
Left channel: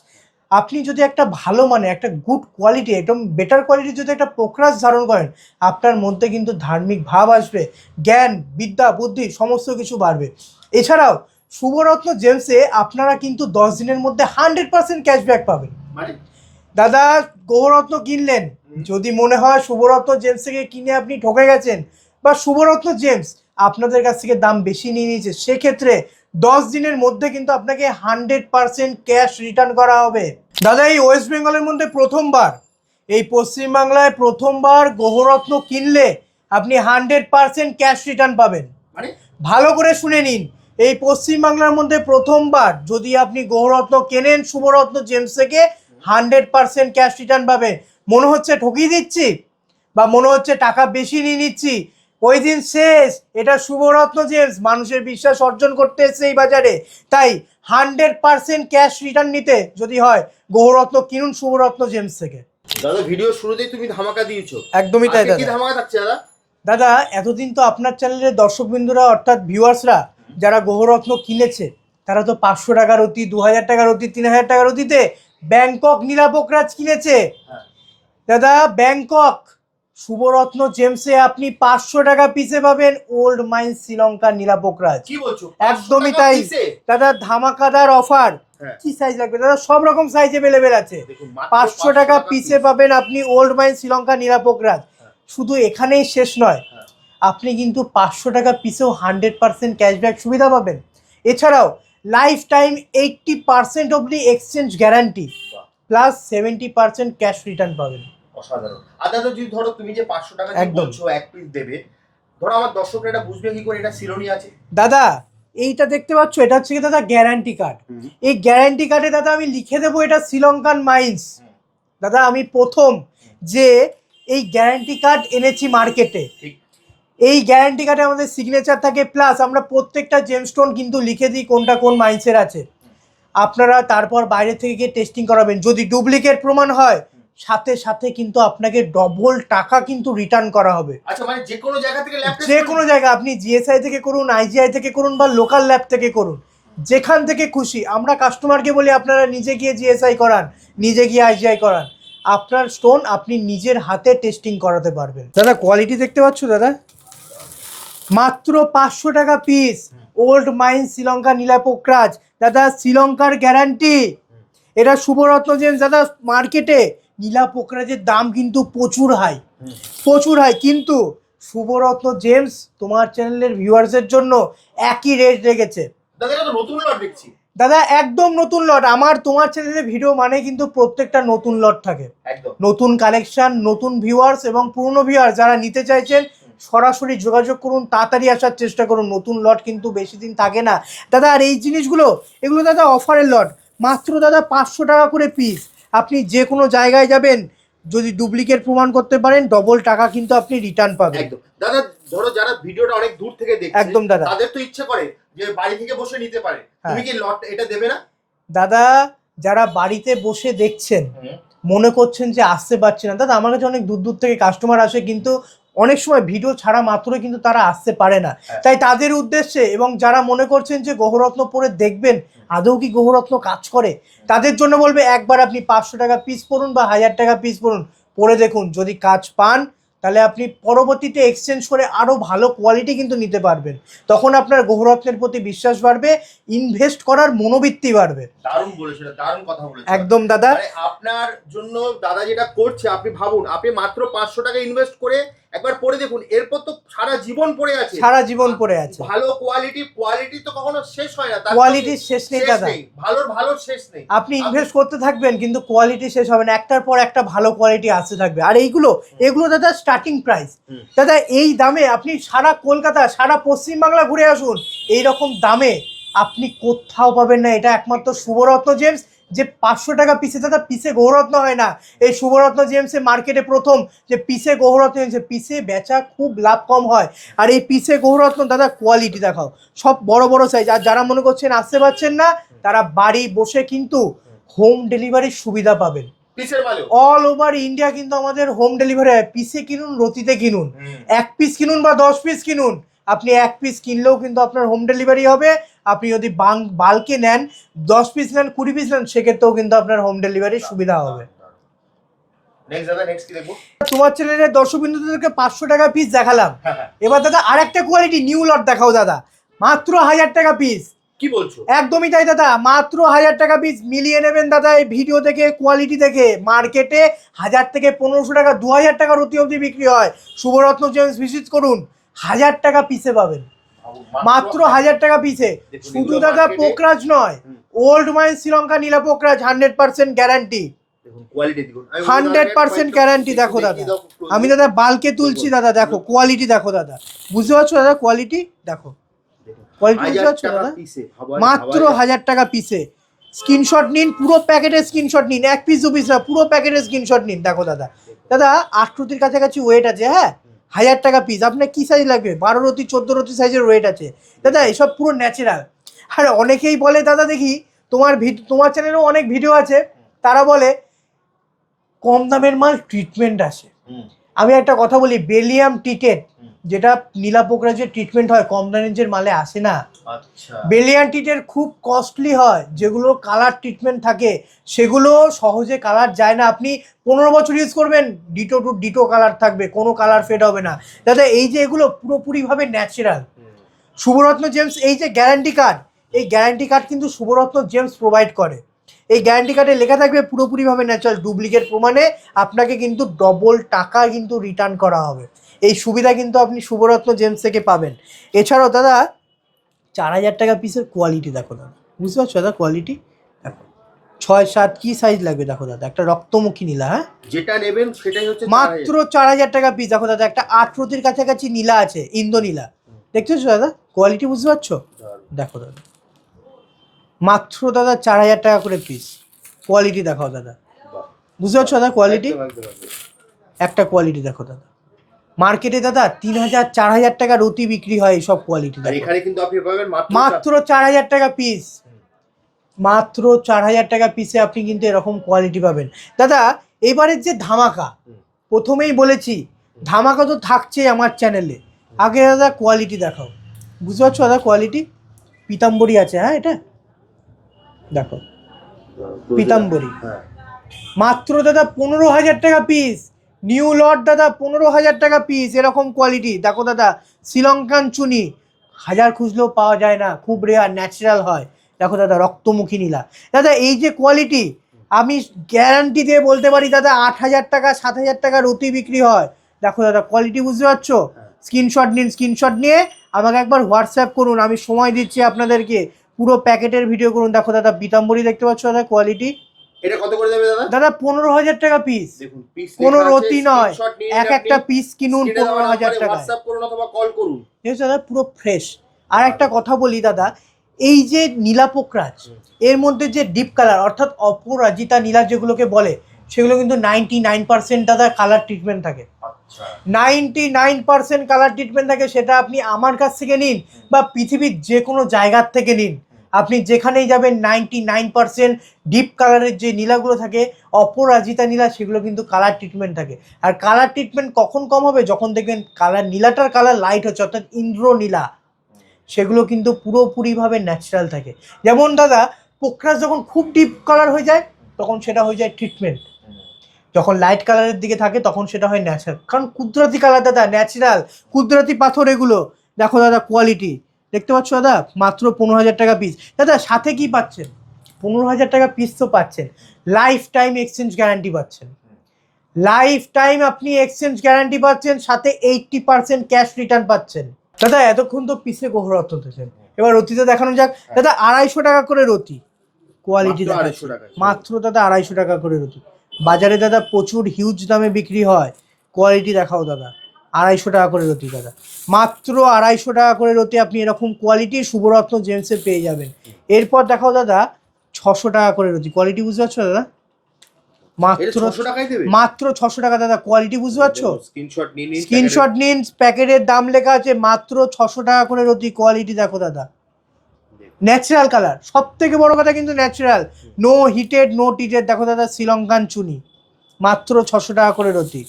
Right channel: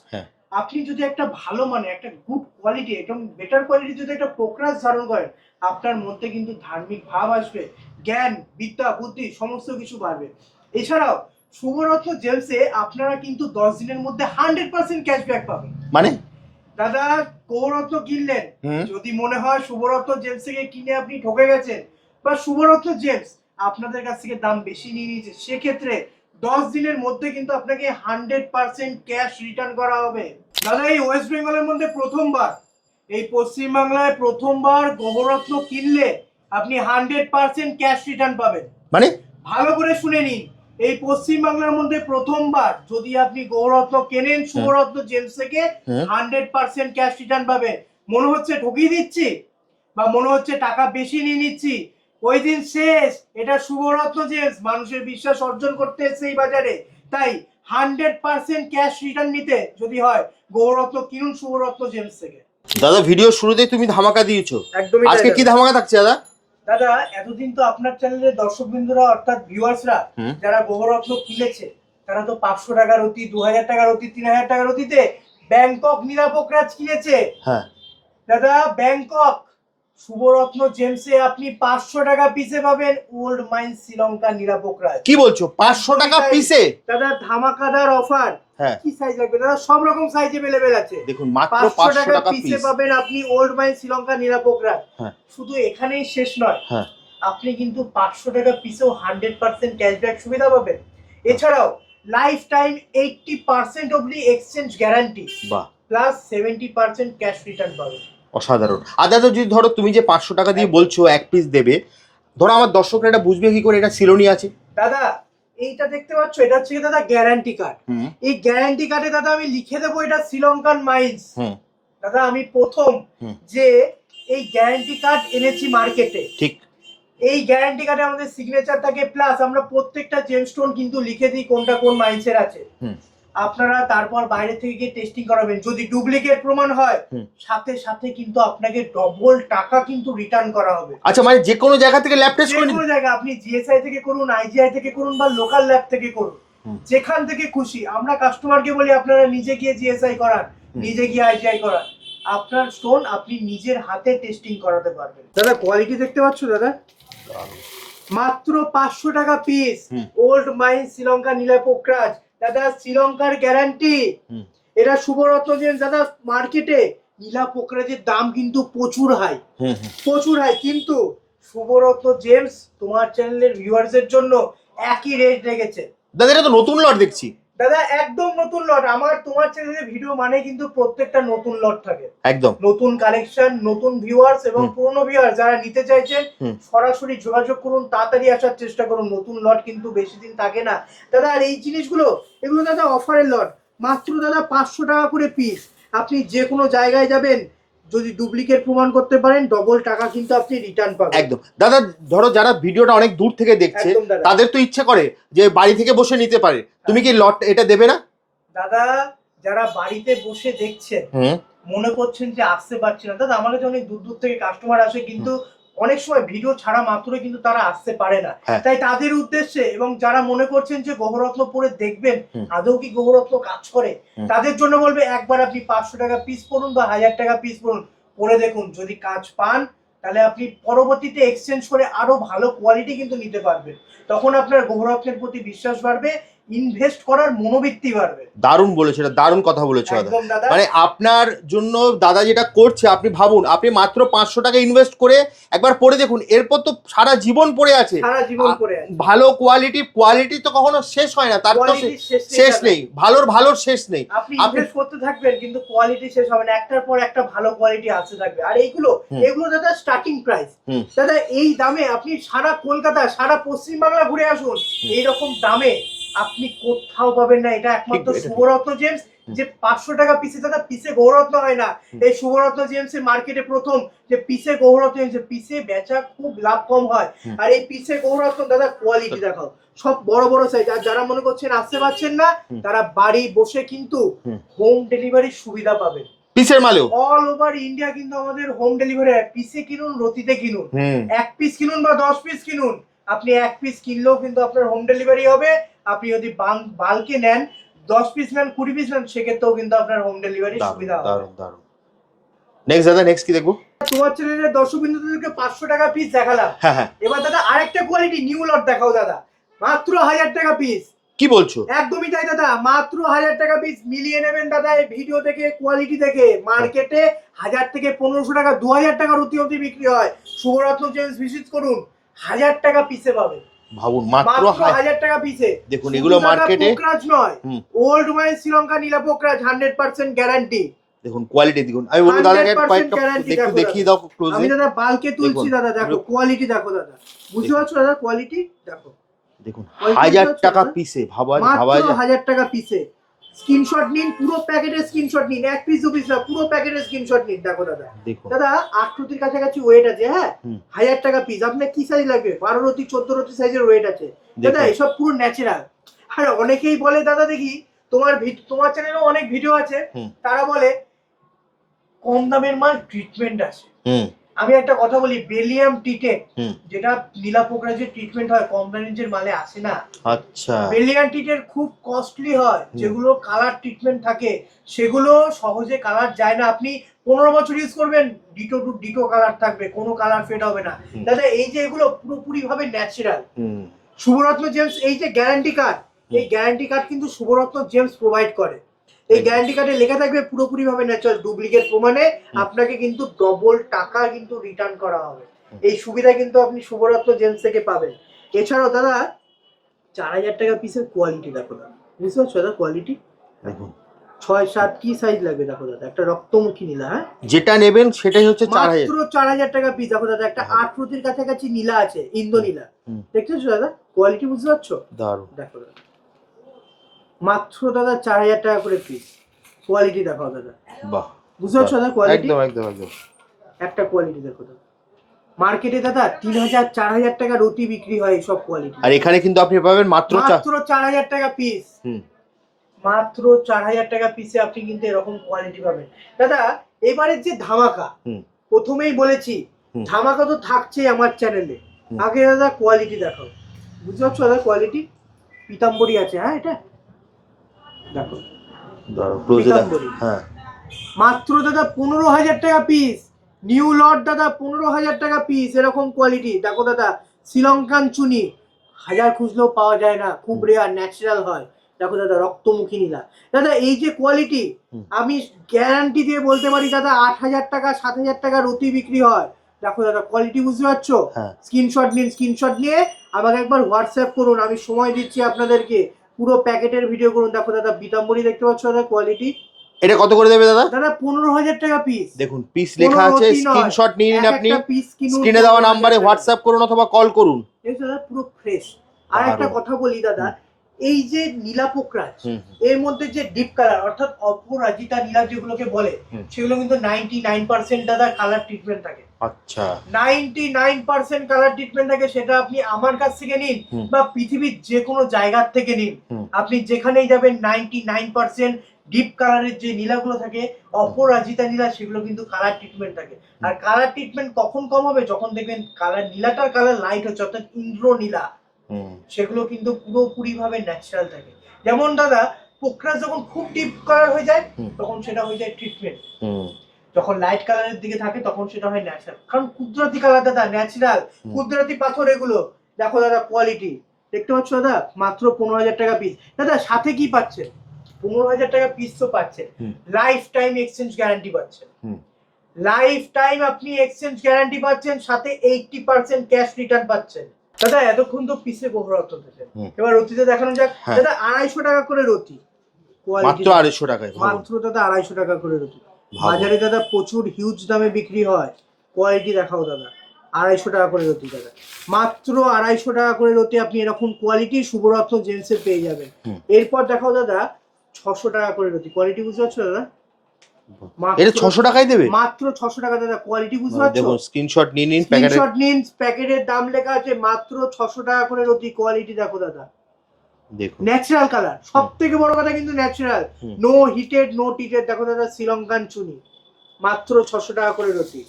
আপনি যদি একটা ভালো মানে একটা গুড কোয়ালিটি একদম বেটার কোয়ালিটি যদি একটা পোকরাজ ধারণ করেন, আপনার মধ্যে কিন্তু ধার্মিক ভাব আসবে, জ্ঞান বিদ্যা বুদ্ধি সমস্ত কিছু বাড়বে। এছাড়াও শুভরত্ন জেমসে আপনারা কিন্তু 10 দিনের মধ্যে 100% ক্যাশব্যাক পাবেন। মানে দাদা গৌরত্ন কিনলেন, যদি মনে হয় শুভরত্ন জেমস থেকে কিনে আপনি ঠকে গেছেন বা শুভরত্ন জেমস আপনাদের কাছ থেকে দাম বেশি নিয়ে নিয়েছে, সেক্ষেত্রে 10 দিনের মধ্যে কিন্তু আপনাকে 100% ক্যাশ রিটার্ন করা হবে। দাদা এই ওয়েস্ট বেঙ্গলের মধ্যে প্রথমবার, এই পশ্চিমবাংলায় প্রথমবার গ্রহরত্ন কিনলে আপনি 100% ক্যাশ রিটার্ন পাবেন। মানে ভালো করে শুনে নিন, এই পশ্চিমবাংলার মধ্যে প্রথমবার যদি আপনি গ্রহরত্ন কেনেন শুভরত্ন জেমস থেকে 100% ক্যাশ রিটার্ন পাবেন। মনে হচ্ছে ঠকিয়ে দিচ্ছি বা মনে হচ্ছে টাকা বেশি নিয়ে নিচ্ছি, ওই দিন শেষ। এটা শুভরত্ন জেমস মানুষের বিশ্বাস অর্জন করতে এসেছে এই বাজারে, তাই 100% ক্যাশ রিটার্ন নিতে যদি হয় গ্রহরত্ন কিনুন শুভরত্ন জেমস থেকে। দাদা ভিডিও শুরুতেই তুমি ধামাকা দিয়েছো, একদমই তাই আজকে কি দাদা। ধামাকা থাকছে দাদা? দাদা এতদিন তো আপনার চ্যানেলের দর্শকবৃন্দুরা অর্থাৎ ভিউয়ার্সরা যারা গ্রহরত্ন কিনেছে তারা তো 500 টাকার অতি, 2000 টাকার অতি, 3000 টাকার অতিতে ব্যাংকক নীলাপোকরাজ কিনেছে। হ্যাঁ দাদা ব্যাংকক শুভরত্ন জেমসে আপনি 500 টাকা পিসে পাবেন ওল্ড মাইন শ্রীলঙ্কা নীলাপোকরাজ। কি বলছো 500 টাকা পিসে? দাদা ধামাকাদার অফার। হ্যাঁ কি সাইজ লাগবে দাদা? সব রকম সাইজ अवेलेबल আছে। দেখুন মাত্র 500 টাকা পিসে পাবেন আপনি ওল্ড মাইন শ্রীলঙ্কা নীলাপোকরাজ। শুধু এখানেই শেষ নয়, আপনি কিন্তু 500 টাকা পিসেও 100% ক্যাশব্যাক সুবিধা পাবেন। এছাড়াও লাইফ টাইম 80% অবধি exchange guarantee plus 70% cash return পাবেন। অসাধারণ। আর দাদা যদি ধরো তুমি যে 500 টাকা দিয়ে বলছো এক পিস দেবে, ধরো আমার দর্শকরা এটা বুঝবে কি করে এটা সিলোনি আছে? দাদা এইটা দেখতে পাচ্ছ, এটা হচ্ছে কি দাদা গ্যারান্টি কার্ড। এই গ্যারান্টি কার্ডে দাদা আমি লিখে দেবো এটা শ্রীলঙ্কান মাইন্স। দাদা আমি প্রথম যে এই গ্যারান্টি কার্ড এনেছি মার্কেটে, ঠিক এই গ্যারান্টি কার্ডে আমাদের সিগনেচার থাকে, প্লাস আমরা প্রত্যেকটা জেমস্টোন কিন্তু লিখে দিই কোনটা কোন মাইন্সের আছে। আপনারা তারপর বাইরে থেকে গিয়ে টেস্টিং করাবেন, যদি ডুপ্লিকেট প্রমাণ হয় সাথে সাথে কিন্তু আপনাকে ডবল টাকা কিন্তু রিটার্ন করা হবে। আচ্ছা মানে যে কোনো জায়গা থেকে ল্যাব টেস্ট, যে কোনো জায়গা, আপনি জিএসআই থেকে করুন, আইজিআই থেকে করুন বা লোকাল ল্যাব থেকে করুন, যেখান থেকে খুশি। আমরা কাস্টমারকে বলি আপনারা নিজে গিয়ে জিএসআই করান, নিজে গিয়ে আইজিআই করান, আপনার স্টোন আপনি নিজের হাতে টেস্টিং করাতে পারবেন। দাদা কোয়ালিটি দেখতে পাচ্ছ দাদা, মাত্র 500 টাকা পিস ওল্ড মাইন শ্রীলঙ্কা নীলাপোকরাজ। দাদা শ্রীলঙ্কার গ্যারান্টি, এটা শুভরত্ন জেমস। দাদা মার্কেটে নীলাপোকরাজের দাম কিন্তু প্রচুর হাই, প্রচুর হাই, কিন্তু শুভরত্ন জেমস তোমার চ্যানেলের ভিউয়ার্সের জন্য একই রেট রেখেছে। দাদা এটা তো নতুন লট দেখছি। দাদা একদম নতুন লট। আমার তোমার চ্যানেলের ভিডিও মানে কিন্তু প্রত্যেকটা নতুন লট থাকে, একদম নতুন কালেকশন, নতুন ভিউয়ার্স এবং পুরনো ভিউয়ার্স যারা নিতে চাইছেন সরাসরি যোগাযোগ করুন, তাড়াতাড়ি আসার চেষ্টা করুন। নতুন লট কিন্তু বেশি দিন থাকে না দাদা। আর এই জিনিসগুলো এগুলো দাদা অফারের লট, মাত্র দাদা 500 টাকা করে পিস। আপনি যে কোনো জায়গায় যাবেন, যদি ডুপ্লিকেট প্রমাণ করতে পারেন ডবল টাকা কিন্তু আপনি রিটার্ন পাবেন। একদম দাদা। ধরো যারা ভিডিওটা অনেক দূর থেকে দেখছে, একদম দাদা, তাদের তো ইচ্ছে করে যে বাড়ি থেকে বসে নিতে পারে, তুমি কি লট এটা দেবে না? দাদা যারা বাড়িতে বসে দেখছেন মনে করছেন যে আসতে পারছে না, দাদা আমার কাছে অনেক দূর দূর থেকে কাস্টমার আসে, কিন্তু অনেক সময় ভিডিও ছাড়া মাত্রই কিন্তু তারা আসতে পারে না। তাই তাদের উদ্দেশ্যে এবং যারা মনে করছেন যে গ্রহরত্ন পরে দেখবেন আদৌ কি গ্রহরত্ন কাজ করে, তাদের জন্য বলবে একবার আপনি 500 টাকা পিস পড়ুন বা 1000 টাকা পিস পড়ুন, পরে দেখুন, যদি কাজ পান তাহলে আপনি পরবর্তীতে এক্সচেঞ্জ করে আরো ভালো কোয়ালিটি কিন্তু নিতে পারবেন। তখন আপনার গ্রহরত্নের প্রতি বিশ্বাস বাড়বে, ইনভেস্ট করার মনোবৃত্তি বাড়বে। দারুণ বলেছো, এটা দারুণ কথা বলেছো একদম দাদা। মানে আপনার জন্য দাদা যেটা করছে, আপনি ভাবুন আপনি মাত্র 500 টাকা ইনভেস্ট করে একবার পরে দেখুন, এরপর তো সারা জীবন পড়ে আছে, সারা জীবন পড়ে আছে। ভালো কোয়ালিটি তো কখনো শেষ হয় না, তার কোয়ালিটি শেষ নেই, ভালোর শেষ নেই। আপনি ইনভেস্ট করতে থাকবেন কিন্তু কোয়ালিটি শেষ হবে না, একটার পর একটা ভালো কোয়ালিটি আসতে থাকবে। আর এইগুলো দাদা স্টার্টিং প্রাইস। দাদা এই দামে আপনি সারা কলকাতা, সারা পশ্চিমবাংলা ঘুরে আসুন, এইরকম দামে আপনি কোথাও পাবেন না। এটা একমাত্র শুভরত্ন জেমস, যে 500 টাকা পিসে, দাদা পিসে গৌররত্ন হয় না, এই শুভরত্ন জেমসে মার্কেটে প্রথম যে পিসে গৌররত্ন জেমসে পিসে বেচা খুব লাভ কম হয়। আর এই পিসে গৌররত্ন দাদা কোয়ালিটি দেখাও, সব বড় বড় সাইজ। আর যারা মনে করছেন আসতে পারছেন না, তারা বাড়ি বসে কিন্তু হোম ডেলিভারির সুবিধা পাবেন। পিসের মালেও অল ওভার ইন্ডিয়া কিন্তু আমাদের হোম ডেলিভারি হয়। পিসে কিনুন, রতিতে কিনুন, 1 পিস কিনুন বা 10 পিস কিনুন, আপনি 1 পিস কিনলেও কিন্তু আপনার হোম ডেলিভারি হবে। আপনি যদি বাল্কে নেন 10 পিস নেন 20 পিস নেন সেক্ষেত্রেও কিন্তু আপনার হোম ডেলিভারি সুবিধা হবে। নেক্সট দাদা, নেক্সট কি দেখবো? তোমার চ্যানেলের দর্শকবৃন্দদেরকে 500 টাকা পিস দেখালাম। হ্যাঁ। এবার দাদা আরেকটা কোয়ালিটি নিউ লট দেখাও দাদা, মাত্র 1000 টাকা পিস। কি বলছো? একদমই তাই দাদা, মাত্র 1000 টাকা পিস। মিলিয়ে নেবেন দাদা এই ভিডিও থেকে, কোয়ালিটি দেখে। মার্কেটে 1000 থেকে 1500 টাকা 2000 টাকার অতি বিক্রি হয়। শুভরত্ন জেমস ভিজিট করুন, 1000 টাকা পিসে পাবেন। ভাবুন মাত্র 1000 টাকা পিসে। দেখুন এগুলো মার্কেটে পোকরাজ নয়, ওল্ড মাইন শ্রীলঙ্কা নীলা পোকরাজ 100% গ্যারান্টি। দেখুন কোয়ালিটি দেখুন, আমি 100% গ্যারান্টি। দেখো আমি দাদা বালকে তুলছি দাদা, দেখো কোয়ালিটি দেখো দাদা, বুঝতে পারছো দাদা? কোয়ালিটি দেখো, দেখুন Quality 1000 বুঝতে টাকা পারছো পিসে, ভাবা মাত্র 1000 টাকা পিসে। স্ক্রিনশট নিন, পুরো প্যাকেটের স্ক্রিনশট নিন, এক পিস দু পিস না, পুরো প্যাকেটের স্ক্রিনশট নিন। দেখো দাদা, দাদা 8 কাছাকাছি ওয়েট আছে। হ্যাঁ, 1000 টাকা পিস। আপনার কি সাইজ লাগবে? 12 রতি 14 রতি সাইজের ওয়েট আছে দাদা, এসব পুরো ন্যাচারাল। আর অনেকেই বলে দাদা, দেখি তোমার চ্যানেলেও অনেক ভিডিও আছে, তারা বলে কম দামের মাল ট্রিটমেন্ট আসে। আমি একটা কথা বলি, বেলিয়াম টিটেড যেটা নীলা পোকরাজের ট্রিটমেন্ট হয়, কম রেঞ্জের মালে আসে না। আচ্ছা, বেলিয়াম টিটেড খুব কস্টলি হয়। যেগুলো কালার ট্রিটমেন্ট থাকে সেগুলো সহজে কালার যায় না। আপনি 15 বছর ইউজ করবেন, ডিটো টু ডিটো কালার থাকবে, কোনো কালার ফেড হবে না দাদা। এই যে এগুলো পুরোপুরি ভাবে ন্যাচারাল। শুভরত্ন জেমস এই যে গ্যারান্টি কার্ড, এই গ্যারান্টি কার্ড কিন্তু শুভরত্ন জেমস প্রোভাইড করে। এই গ্যারান্টি কার্ডে লেখা থাকবে পুরোপুরি ভাবে ন্যাচারাল। ডুপ্লিকেট প্রমাণে আপনাকে কিন্তু ডবল টাকা কিন্তু রিটার্ন করা হবে। এই সুবিধা কিন্তু আপনি শুভরত্ন জেমস থেকে পাবেন। এছাড়াও দাদা 4000 টাকা পিসের কোয়ালিটি দেখো দাদা, বুঝতে পারছো দাদা? কোয়ালিটি দেখো, 6-7 কি সাইজ লাগবে দেখো দাদা। একটা রক্তমুখী নীলা, হ্যাঁ যেটা নেবেন সেটাই হচ্ছে মাত্র 4000 টাকা পিস। দেখো দাদা একটা 8 রতির কাছাকাছি নীলা আছে, ইন্দো নীলা, দেখতেছো দাদা? কোয়ালিটি বুঝতে পারছো? দেখো দাদা মাত্র দাদা 4000 টাকা করে পিস। কোয়ালিটি দেখো দাদা, বাহ, বুঝতে পারছো দাদা? কোয়ালিটি একদম। একটা কোয়ালিটি দেখো দাদা, মার্কেটে দাদা 3000-4000 টাকা রতি বিক্রি হয় এইসব কোয়ালিটি, আর এখানে কিন্তু আপনি পাবেন মাত্র 4000 টাকা পিস। মাত্র 4000 টাকা পিসে আপনি কিন্তু এরকম কোয়ালিটি পাবেন দাদা। এবারের যে ধামাকা, প্রথমেই বলেছি ধামাকা তো থাকছেই আমার চ্যানেলে। আগে দাদা কোয়ালিটি দেখাও, বুঝতে পারছো দাদা? কোয়ালিটি পিতাম্বরী আছে, হ্যাঁ এটা দেখো পিতাম্বরী, মাত্র দাদা 15000 টাকা পিস। নিউ লট দাদা, 15000 টাকা পিস। এরকম কোয়ালিটি দেখো দাদা, শ্রীলঙ্কান চুনি, 1000 খুঁজলেও পাওয়া যায় না, খুব রেয়ার, ন্যাচারাল হয়। দেখো দাদা রক্তমুখী নীলা দাদা, এই যে কোয়ালিটি আমি গ্যারান্টি দিয়ে বলতে পারি দাদা 8000 টাকা 7000 টাকা রতি বিক্রি হয়। দেখো দাদা কোয়ালিটি বুঝতে পারছো? স্ক্রিনশট নিন, স্ক্রিনশট নিয়ে আমাকে একবার হোয়াটসঅ্যাপ করুন, আমি সময় দিচ্ছি আপনাদেরকে। পুরো প্যাকেটের ভিডিও করুন। দেখো দাদা পিতাম্বরী দেখতে পাচ্ছ দাদা, কোয়ালিটি। এটা কত করে দেবে দাদা? দাদা 15000 টাকা পিস। দেখুন পিস লেখা আছে, স্ক্রিনশট নিন, আপনি একটা পিস কিনুন, স্ক্রিনে দেওয়া নম্বরে হোয়াটসঅ্যাপ করুন অথবা কল করুন। এই দাদা পুরো ফ্রেশ। আর একটা কথা বলি দাদা, এই যে নীলা পোকরাজ এর মধ্যে যে ডিপ কালার অর্থাৎ অপরাজিতা নীলা যেগুলোকে বলে, সেগুলো কিন্তু 99% দাদা কালার ট্রিটমেন্ট থাকে। আচ্ছা, 99% কালার ট্রিটমেন্ট থাকে। সেটা আপনি আমার কাছ থেকে নিন বা পৃথিবীর যে কোনো জায়গার থেকে নিন, আপনি যেখানেই যাবেন 99% ডিপ কালারের যে নীলাগুলো থাকে, অপরাজিতা নীলা, সেগুলো কিন্তু কালার ট্রিটমেন্ট থাকে। আর কালার ট্রিটমেন্ট কখন কম হবে? যখন দেখবেন কালার নীলাটার কালার লাইট হচ্ছে, অর্থাৎ ইন্দ্র নীলা, সেগুলো কিন্তু পুরোপুরি ভাবে ন্যাচারাল থাকে। যেমন দাদা পোকরাজ যখন খুব ডিপ কালার হয়ে যায় তখন সেটা হয়ে যায় ট্রিটমেন্ট, যখন লাইট কালারের দিকে থাকে তখন সেটা হয় ন্যাচারাল। কারণ কুদরতি কালার দাদা, ন্যাচারাল কুদরতি পাথর এগুলো। দেখো দাদা কোয়ালিটি দেখতে পাচ্ছ দাদা, মাত্র 15000 টাকা পিস। দাদা সাথে কি পাচ্ছেন? 15000 টাকা পিস তো পাচ্ছেন, লাইফ টাইম এক্সচেঞ্জ গ্যারান্টি পাচ্ছেন। লাইফ টাইম আপনি এক্সচেঞ্জ গ্যারান্টি পাচ্ছেন, সাথে 80% ক্যাশ রিটার্ন পাচ্ছেন। দাদা এতক্ষণ তো পিসে গোহরত হতেছে, এবার রতিতে দেখানো যাক। দাদা 250 টাকা করে রতি, কোয়ালিটি মাত্র 250 টাকা, মাত্র দাদা 250 টাকা করে রতি। বাজারে দাদা প্রচুর হিউজ দামে বিক্রি হয়। কোয়ালিটি দেখাও দাদা, 250 টাকা করে রতি দাদা, মাত্র 250 টাকা করে রতি আপনি এরকম কোয়ালিটি শুভরত্ন জেমসে পেয়ে যাবেন। এরপর দেখাও দাদা 600 টাকা করে রতি। কোয়ালিটি বুঝতে পারছো দাদা? এটা 600 টাকায় দেবে, মাত্র 600 টাকা দাদা। কোয়ালিটি বুঝতে পারছো? স্ক্রিনশট নিন, স্ক্রিনশট নিন, প্যাকেটের দাম লেখা আছে, মাত্র 600 টাকা করে রতি। কোয়ালিটি দেখো দাদা, দেখো ন্যাচারাল কালার। সবথেকে বড় কথা কিন্তু ন্যাচারাল, নো হিটেড নো টিটেড। দেখো দাদা শ্রীলঙ্কান চুনি, মাত্র 600 টাকা করে রতি।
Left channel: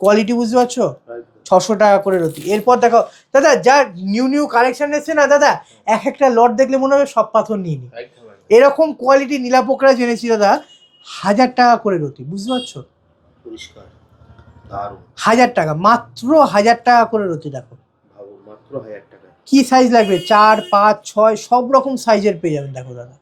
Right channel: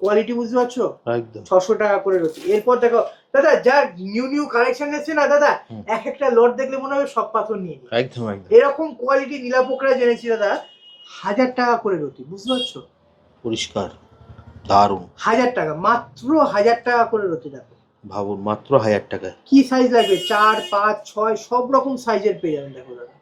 কোয়ালিটি বুঝতে পারছো? একদম 600 টাকা করে রতি। এরপর দেখো দাদা, যা নিউ কালেকশন এসছে না দাদা, এক একটা লট দেখলে মনে হবে সব পাথর নিয়ে নি। একদম একদম এরকম কোয়ালিটি নীলা পোকরা জেনেছি দাদা 1000 টাকা করে রতি, বুঝতে পারছো? পরিষ্কার, দারুণ। 1000 টাকা, মাত্র 1000 টাকা করে রতি। দেখো ভাবুন, মাত্র 1000 টাকায় কি সাইজ লাগবে, 4, 5, 6 সব রকম সাইজের পেয়ে যাবেন। দেখো দাদা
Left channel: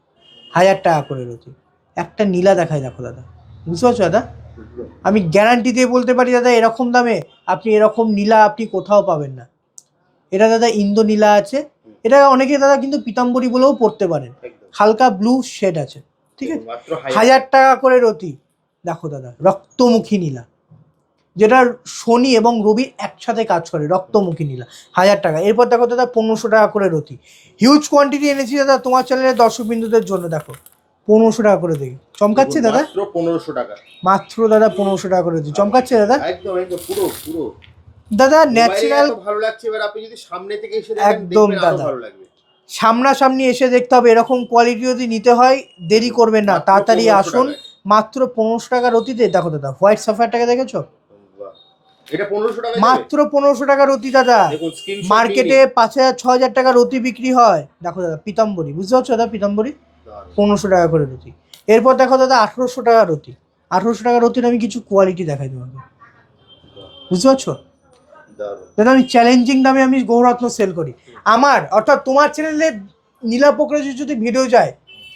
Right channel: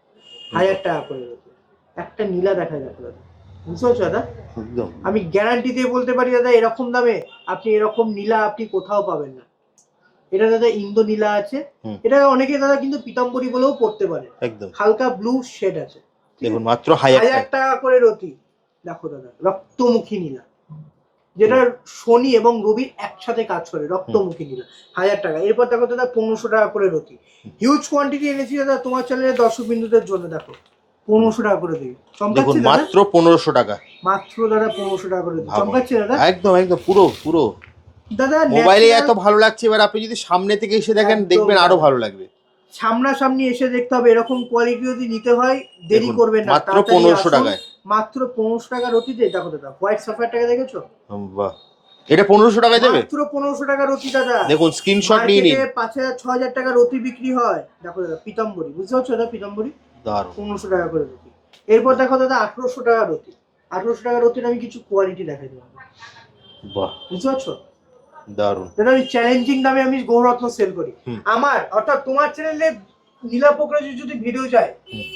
1000 টাকা করে রতি। একটা নীলা দেখায়, দেখো দাদা, বুঝতে পারছো দাদা? একদম আমি গ্যারান্টি দিয়ে বলতে পারি দাদা, এরকম দামে আপনি এরকম নীলা আপনি কোথাও পাবেন না। এটা দাদা ইন্দো নীলা আছে, এটা অনেকে দাদা কিন্তু পিতাম্বরী বলেও পড়তে পারেন। একদম হালকা ব্লু শেড আছে, ঠিক আছে? মাত্র 1000 টাকা করে রতি। দেখো দাদা রক্তমুখী নীলা, যেটা শনি এবং রবি একসাথে কাজ করে, রক্তমুখী নীলা, 1000 টাকা। এরপর দেখো দাদা 1500 টাকা করে রতি। হিউজ কোয়ান্টিটি এনেছি দাদা তোমার চ্যানেলের দর্শক বিন্দুদের জন্য। দেখো 1500 টাকা করে দিই, চমকাচ্ছে দাদা? মাত্র 1500 টাকা, মাত্র দাদা 1500 টাকা করে দিই, চমকাচ্ছে দাদা? একদম একদম পুরো দাদা মোবাইলে এত ভালো লাগছে, এবার আপনি যদি সামনে থেকে এসে দেখেন দেখবেন আরো ভালো লাগবে। সামনাসামনি এসে দেখতে হবে। এরকম কোয়ালিটি যদি নিতে হয় দেরি করবেন না, তাড়াতাড়ি আসুন। মাত্র 1500 টাকা রতিতে। দেখো দাদা হোয়াইট সাফায়ারটাকে দেখেছো? বাহ, এটা 1500 টাকায় দেবে? মাত্র 1500 টাকা রতি দাদা। দেখুন স্ক্রিনশট নিয়ে মার্কেটে 5000 6000 টাকা রতি বিক্রি হয়। দেখো দাদা পিতাম্বরী, বুঝতে পারছো দাদা? পিতাম্বরী 1500 টাকা করে রতি। এরপর দেখো দাদা 1800 টাকা রতি। 1800 টাকা রতির আমি কিছু কোয়ালিটি দেখাই তোমাকে, বাহ, বুঝতে পারছো? দারুণ দাদা আমি চ্যালেঞ্জিং দামে আমি গৌররত্ন সেল করি। আমার অর্থাৎ তোমার চ্যানেলে নীলা পোকরাজ যদি ভিডিও যায়,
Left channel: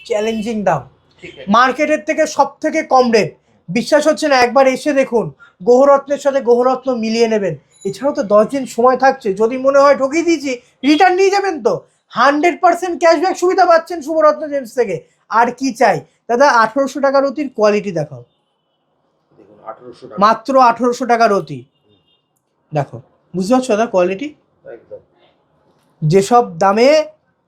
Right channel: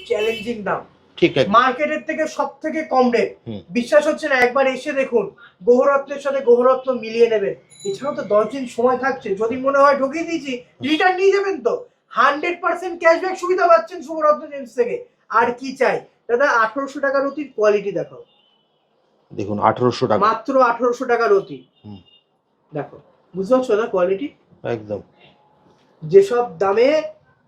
চ্যালেঞ্জিং দাম, ঠিক আছে, মার্কেটের থেকে সব থেকে কম রেট। বিশ্বাস হচ্ছে না, একবার এসে দেখুন, গৌররত্নের সাথে গৌররত্ন মিলিয়ে নেবেন। এছাড়াও তো 10 দিন সময় থাকছে, যদি মনে হয় ঢুকিয়ে দিয়েছি রিটার্ন নিয়ে যাবেন তো। 100% ক্যাশব্যাক সুবিধা পাচ্ছেন শুভরত্ন জেমস থেকে। আর কি চাই দাদা? 1800 টাকা রতির কোয়ালিটি দেখাও। দেখুন 1800 টাকা, মাত্র 1800 টাকা রতি। দেখো, বুঝতে পারছো দাদা কোয়ালিটি? একদম যেসব দামে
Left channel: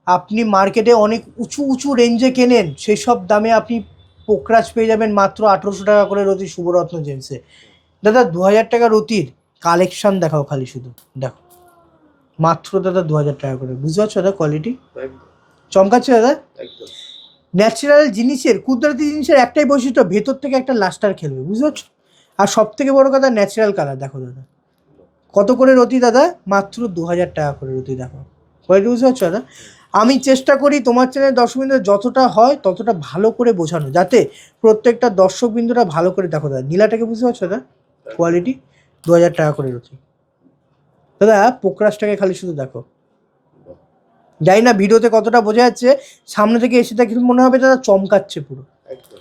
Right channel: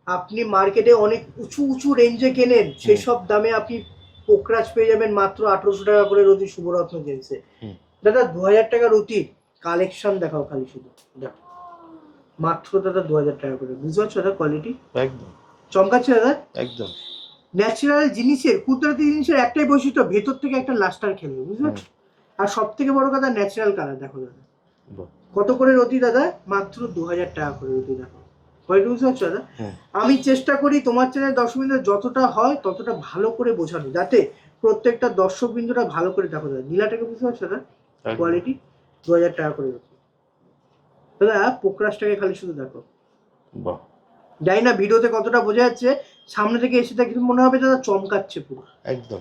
আপনি মার্কেটে অনেক উঁচু উঁচু রেঞ্জে কেনেন, সেই সব দামে আপনি পোকরাজ পেয়ে যাবেন মাত্র 1800 টাকা করে রতি শুভরত্ন জেমসে। দাদা 2000 টাকা রতির কালেকশন দেখাও খালি, শুধু দেখো, মাত্র দাদা 2000 টাকা করে। বুঝতে পারছো দাদা কোয়ালিটি? একদম চমকাচ্ছে দাদা? একদম ন্যাচারাল জিনিসের, কুদরতি জিনিসের একটাই বৈশিষ্ট্য, ভেতর থেকে একটা লাস্টার খেলবে, বুঝতে পারছো? আর সব থেকে বড় কথা ন্যাচারাল কালার। দেখো দাদা কত করে রতি দাদা? মাত্র 2000 টাকা করে রতি। দেখো কোয়ালিটি, বুঝতে পারছো দাদা? আমি চেষ্টা করি তোমার চ্যানেলের দর্শকবৃন্দ যতটা হয় ততটা ভালো করে বোঝানো, যাতে প্রত্যেকটা দর্শকবৃন্দরা ভালো করে। দেখো দাদা নীলাটাকে, বুঝতে পারছো দাদা কোয়ালিটি? 2000 টাকা করে রতি। দাদা পোকরাজটাকে খালি শুধু দেখো, জানি না ভিডিওতে কতটা বোঝা যাচ্ছে, সামনে থেকে এসে দেখে মনে হবে দাদা চমকাচ্ছে পুরো, একদম।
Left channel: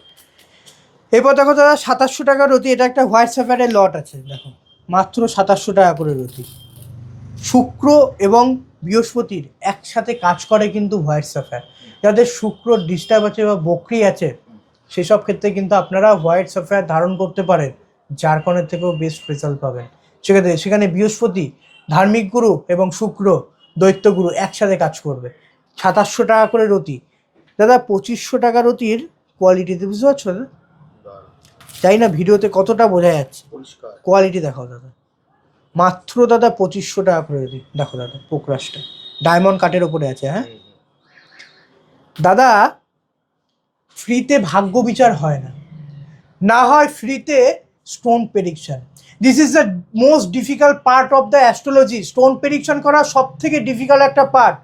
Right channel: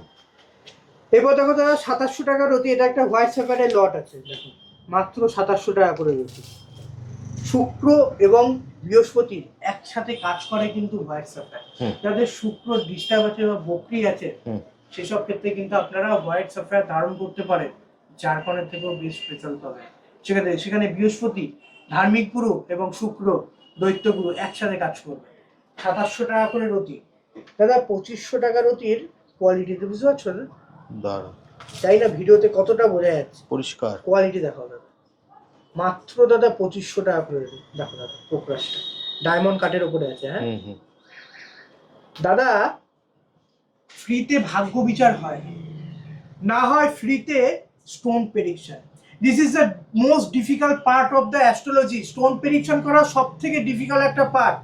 এরপর দেখো দাদা 2700 টাকা রতি। এটা একটা হোয়াইট সাফায়ারের লট আছে, দেখো মাত্র 2700 টাকা করে রতি। শুক্র এবং বৃহস্পতির একসাথে কাজ করে কিন্তু হোয়াইট সাফায়ার। যাদের শুক্র ডিস্টার্ব আছে বা বকরি আছে, সেসব ক্ষেত্রে কিন্তু আপনারা হোয়াইট সাফায়ার ধারণ করতে পারেন, জারকনের থেকেও বেস্ট রেজাল্ট পাবেন। সেখানে বৃহস্পতি ধার্মিক গুরু এবং শুক্র দৈত্য গুরু একসাথে কাজ করবে। 2700 টাকা করে রতি। দাদা 2500 টাকা রতির কোয়ালিটিতে, বুঝতে পারছো দাদা? জানি না ভিডিওতে কতটা বোঝা যাচ্ছে, পরিষ্কার কোয়ালিটি দেখাও দাদা। মাত্র দাদা 2500 টাকা করে দিই। দেখো দাদা পোকরাজটা ডায়মন্ড কাটের ওপরে আছে। হ্যাঁ দাদা, ফ্রিতে ভাগ্য বিচার হয় না, না হয় ফ্রিতে stone prediction. This is the most difficult part of the astrology. Stone prediction করা সব থেকে ডিফিকাল্ট একটা পার্ট।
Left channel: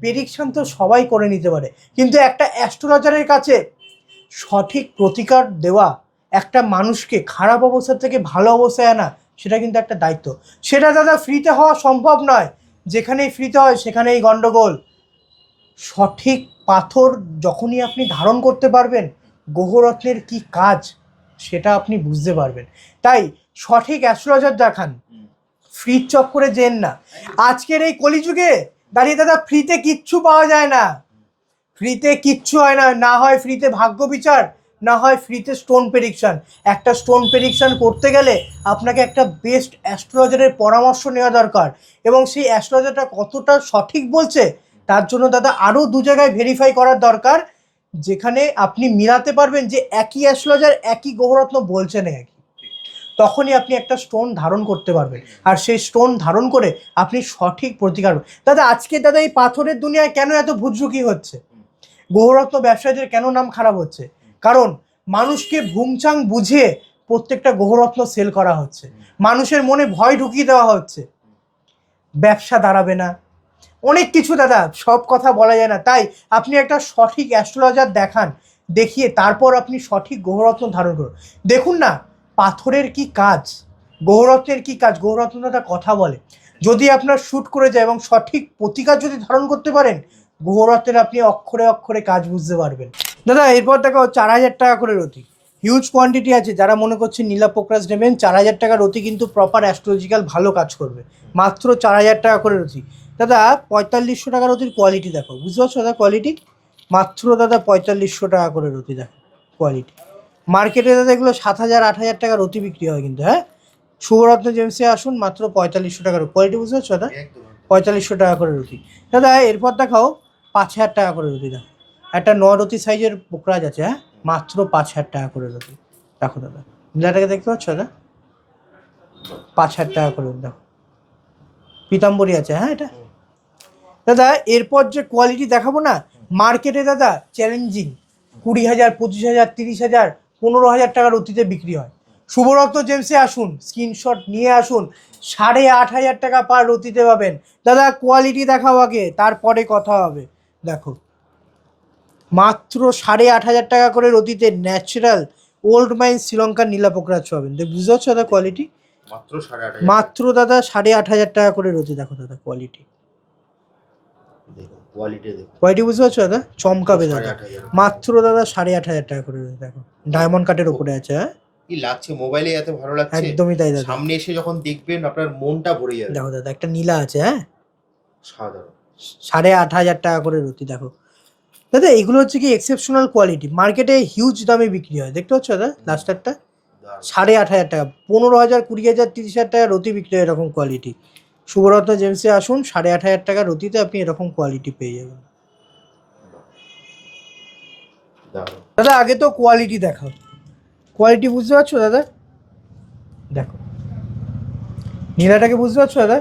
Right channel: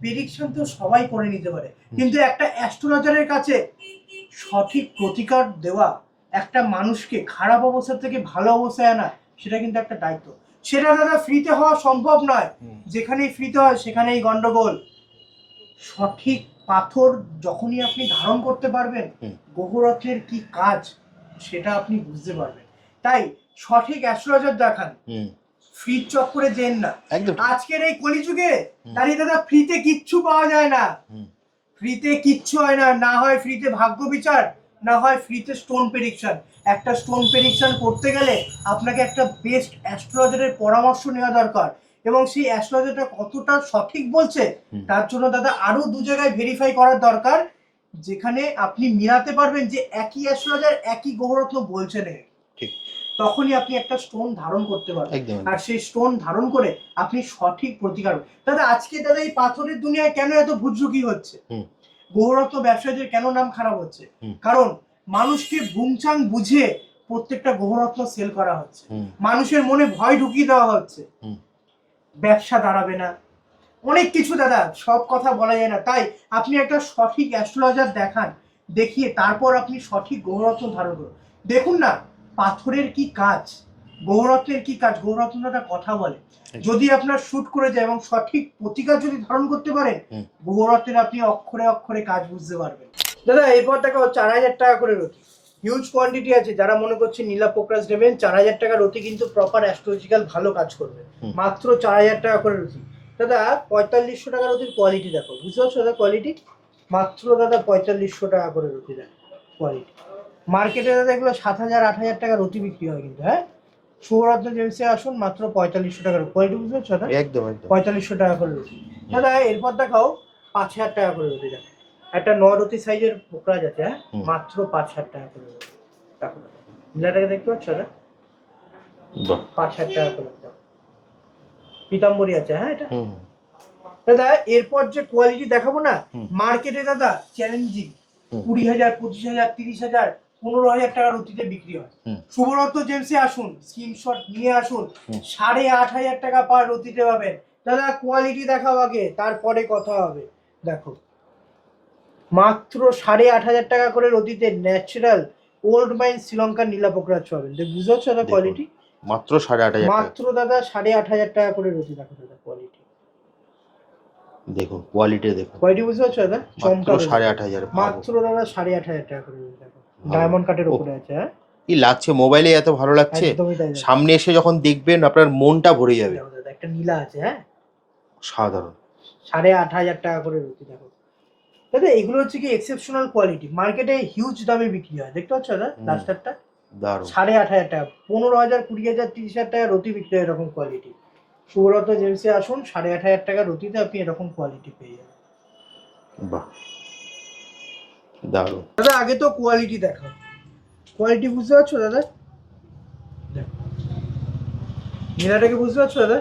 প্রেডিকশন তো সবাই করে নিতে পারে, কিন্তু একটা অ্যাস্ট্রোলজারের কাছে সঠিক প্রতিকার দেওয়া, একটা মানুষকে খারাপ অবস্থা থেকে ভালো অবস্থায় আনা, সেটা কিন্তু একটা দায়িত্ব। সেটা দাদা ফ্রিতে হওয়া সম্ভব নয়। যেখানেই ফ্রিতে হয় সেখানেই গন্ডগোল। সঠিক পাথর যখনই আপনি ধারণ করতে পারবেন, গ্রহরত্নের কি কাজ সেটা আপনি বুঝতে পারবেন। তাই সঠিক অ্যাস্ট্রোলজার দেখান, ফ্রি চক্করে যেন না। আজকের এই কলিযুগে দাঁড়িয়ে দাদা ফ্রিতে কিচ্ছু পাওয়া যায় না, ফ্রিতে কিচ্ছু হয় না। না হয় ফ্রিতে ভাগ্য বিচার, না হয় ফ্রিতে স্টোন প্রেডিকশন। একটা স্টোন প্রেডিকশন করতে গেলে আপনাকে একটা বেস্ট অ্যাস্ট্রোলজারের পরামর্শ নেওয়া দরকার, এবং সেই অ্যাস্ট্রোলজারটা কতটা সঠিক বলছে তার জন্য দাদা আরও 2 জায়গায় ভেরিফাই করার দরকার, যেখানে আপনি মিলাতে পারবেন যে একই অ্যাস্ট্রোলজার একই গ্রহরত্ন বলছে না, তখনই আপনি একটা স্টোন ধারণ করতে পারবেন। আর সেই স্টোন ধারণ করে আপনি সঠিক প্রতিকার। দাদা আজকে দাদা এই পাথরের দুনিয়ায় কেন এত ভুজরুকি হচ্ছে, গ্রহরত্ন ব্যবসায়ীদের কেন নাম খারাপ হচ্ছে? কারণ মানুষকে ভুংচাং বুঝে প্রত্যেকটা গ্রহরত্ন সেল করা হচ্ছে, মানুষের মনে ভয় ঢুকিয়ে দেওয়া হচ্ছে, ব্যবসা দাঁড়াবে না, অনেক কিছু দাদা, সব কথা বলা যায় না। তাই আপনি একটা সঠিক অ্যাস্ট্রোলজার দেখান, দেখিয়ে তারপর আপনি সঠিক গ্রহরত্ন ধারণ করুন। দেখুন না পাথরের কি কাজ, গ্রহরত্নের কি কাজ, গ্রহরত্ন দাদা কথা বলে। যদি আপনার শুট করে যায় এবং সঠিক প্রতিকার যদি ধারণ করতে পারেন, গ্রহরত্নের আপনি অক্ষরে অক্ষরে কাজ বুঝতে পারবেন। দাদা এরপর দেখো 4000 টাকা করে রতি, হিউজ কোয়ান্টিটি আছে। যারা মনে করছে নীলা পোকরাজ নেবেন, 4000 টাকা রতি কিন্তু প্রপার অ্যাস্ট্রোলজিক্যাল ভালো কাজ করবে, মাত্র 4000 টাকা করে রতি। দাদা 4500 টাকা রতির কোয়ালিটি দেখো, বুঝতে পারছো দাদা কোয়ালিটি, মাত্র দাদা 4500 টাকা করে রতি দেখো কোয়ালিটি। মার্কেটে দাদা এগুলো 7000 8000 টাকা রতি বিক্রি হয় কিন্তু। হ্যাঁ, শুভরত্ন জেমসে আসুন, মাত্র 4500 টাকার কোয়ালিটি, বুঝতে পারছো দাদা, একদম 4500 টাকা করে রতি। দাদা এরপর দেখাও 5000 টাকা করে রতি দেখো, একটা 9 রতি সাইজের পোকরাজ আছে। হ্যাঁ, মাত্র 5000 টাকা করে রতি দেখো দাদা, নীলাটাকে দেখতে পাচ্ছ দাদা, 5000 টাকা করে দেখো, পিতাম্বরী আছে। হ্যাঁ এটা দাদা এরপর যে কোয়ালিটি দেখাবো না, মার্কেটে দাদা চ্যালেঞ্জিং 20,000 25,000 30,000 15,000 টাকার অতিতে বিক্রি হয়। শুভরত্ন জেমসে আসুন, স্ক্রিনশট নিয়ে আসুন, 8,500 টাকা পার রতিতে পাবেন। দাদা কোয়ালিটি দেখাও আগে, তারপরে কথা হবে। দেখো মাত্র 8,500 টাকা করে রতিতে ন্যাচারাল ওল্ড মাইন শ্রীলঙ্কার নীলা পোকরাজ পাবেন। বুঝতে পারছো দাদা কোয়ালিটি, মাত্র 8,500, মাত্র দাদা 8,500 টাকা করে রতি দেখো দাদা কোয়ালিটি, দেখুন কোয়ালিটি, দেখুন কোয়ালিটি, বুঝতে পারছো দাদা, চমকাবে। 8,500 মাত্র দাদা 8,500 টাকা করে দেখো, ডায়মন্ড কাটের উপরে আছে। হ্যাঁ কি লাগছে, মোবাইলে এত ভালো লাগছে, একদমই তাই দাদা, সামনে এসে যখন দেখবেন আপনার মনটা ভরে যাবে। দেখো দাদা একটা নীলা আছে। হ্যাঁ সাধারণ 8,500 টাকা করে রতি দেখো দাদা, এগুলো হচ্ছে কি এক্সেপশনাল কোয়ালিটি, মার্কেটে হিউজ দামে বিক্রি হয়। দেখতে পাচ্ছ দাদা লাস্টারটা, দারুণ 8,500 টাকা, 15,000 20,000 30,000 টাকা রতি বিক্রি হয় এরকম কোয়ালিটি। শুভরত্ন জেমসে আসুন, 8,500 টাকা রতিতে আপনি এরকম কোয়ালিটি পেয়ে যাবেন। বাহ দারুণ দাদা আগে তো কোয়ালিটি দেখাও, কোয়ালিটি বুঝতে পারছো দাদা, দেখো নীলাটাকে বুঝতে পারছো দাদা,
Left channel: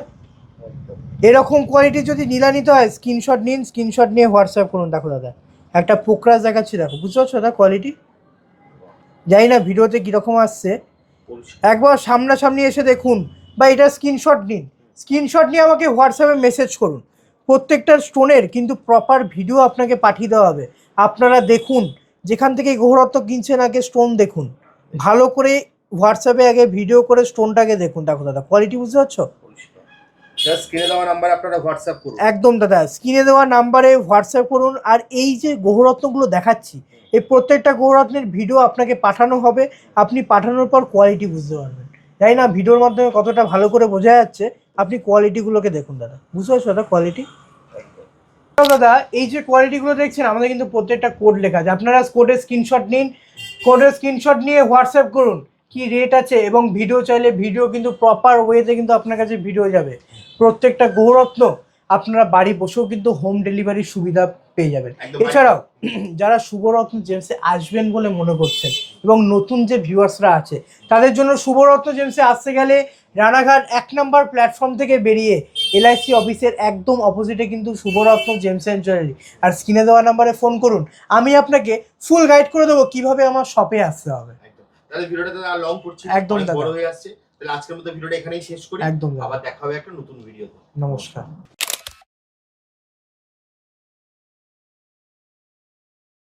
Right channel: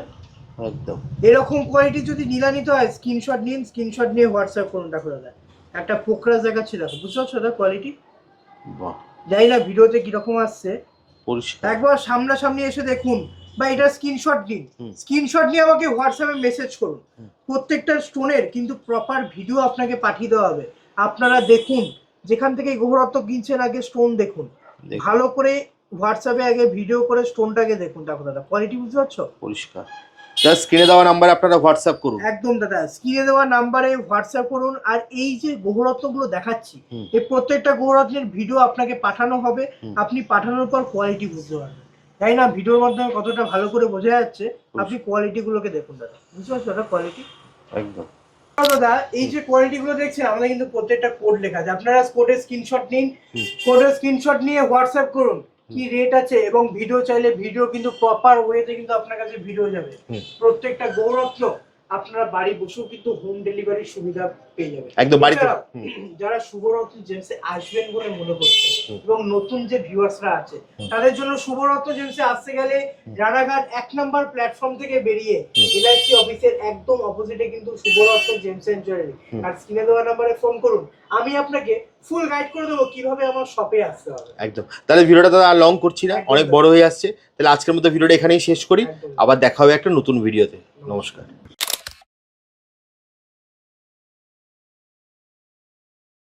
একদম এরকম কোয়ালিটি যদি নীলা নিতে হয় স্ক্রিনশট নিন, স্ক্রিনশট নিয়ে হোয়াটসঅ্যাপ করুন। দেখো দাদা একটা পোকরাজ দেখাচ্ছি, দেখো বুঝতে পারছো দাদা কোয়ালিটি, বাহ জানি না ভিডিওতে কিরকম আসছে, পরিষ্কার একবার সামনাসামনি এসে দেখুন, বা এটা স্ক্রিনশট নিন, স্ক্রিনশট নিয়ে আমাকে হোয়াটসঅ্যাপে মেসেজ করুন। প্রত্যেকটা স্টোনের কিন্তু প্রপার ভিডিও আপনাকে পাঠিয়ে দেওয়া হবে, আপনারা দেখুন, যেখান থেকে গ্রহরত্ন কিনছেন আগে স্টোন দেখুন, ভালো করে হোয়াটসঅ্যাপে আগে ভিডিও করে স্টোনটাকে দেখুন। দেখো দাদা কোয়ালিটি বুঝতে পারছো, পরিষ্কার। জাস্ট স্ক্রিনে দেওয়া নাম্বারে আপনারা হোয়াটসঅ্যাপ করুন। একদম দাদা স্ক্রিনে দেওয়া নাম্বারে হোয়াটসঅ্যাপ করুন। আর এই যে গ্রহরত্নগুলো দেখাচ্ছি, এই প্রত্যেকটা গ্রহরত্নের ভিডিও আপনাকে পাঠানো হবে, আপনি পাঠানোর পর কোয়ালিটি বুঝতে পারবেন। তাই না ভিডিওর মাধ্যমে কতটা ভালো করে বোঝা যাচ্ছে, আপনি কোয়ালিটিগুলোকে দেখুন দাদা, বুঝতে পারছো দাদা কোয়ালিটি একদম দাদা। এই যে কোয়ালিটিগুলো দেখছেন আমাদের কিন্তু প্রত্যেকটা কোড লেখা আছে, আপনারা কোডের স্ক্রিনশট নিন, কোডের স্ক্রিনশট নিয়ে হোয়াটসঅ্যাপ করুন কি রেট আছে, এবং ভিডিও চাইলে ভিডিও কিন্তু প্রপার ওয়েতে কিন্তু আপনার কাছে ভিডিও যাবে। প্রত্যেকটা গ্রহরত্ন আপনারা বাড়ি বসেও কিন্তু হোম ডেলিভারির সুবিধা পেয়ে যাবেন। এছাড়াও যারা শুভরত্ন জেমসে আসবেন বলে মনে করছেন এবং নতুন যে ভিউয়ার্সরা আছে তাদের জন্য শুভরত্ন জেমসে আসতে গেলে রানাঘাট 1 নম্বর প্ল্যাটফর্ম থেকে বেরিয়ে এলআইসি অফিসের একদম অপোজিটে কিন্তু শুভরত্ন জেমস এন্ড জুয়েলারি, আর স্ক্রিনে দেওয়া নাম্বারে ফোন করুন, আমি আপনাকে ফুল গাইড করে দেবো কিভাবে আমার শপে আসতে হবে। একদম। তাহলে ভিডিওটা তো আর লং করছি না, অনেক বড় হয়ে আসছে, তাহলে আজকের মতো ভিডিওটা এখানেই শেষ করি, আবার দেখা হবে একটা নতুন ভিডিওতে। নমস্কার।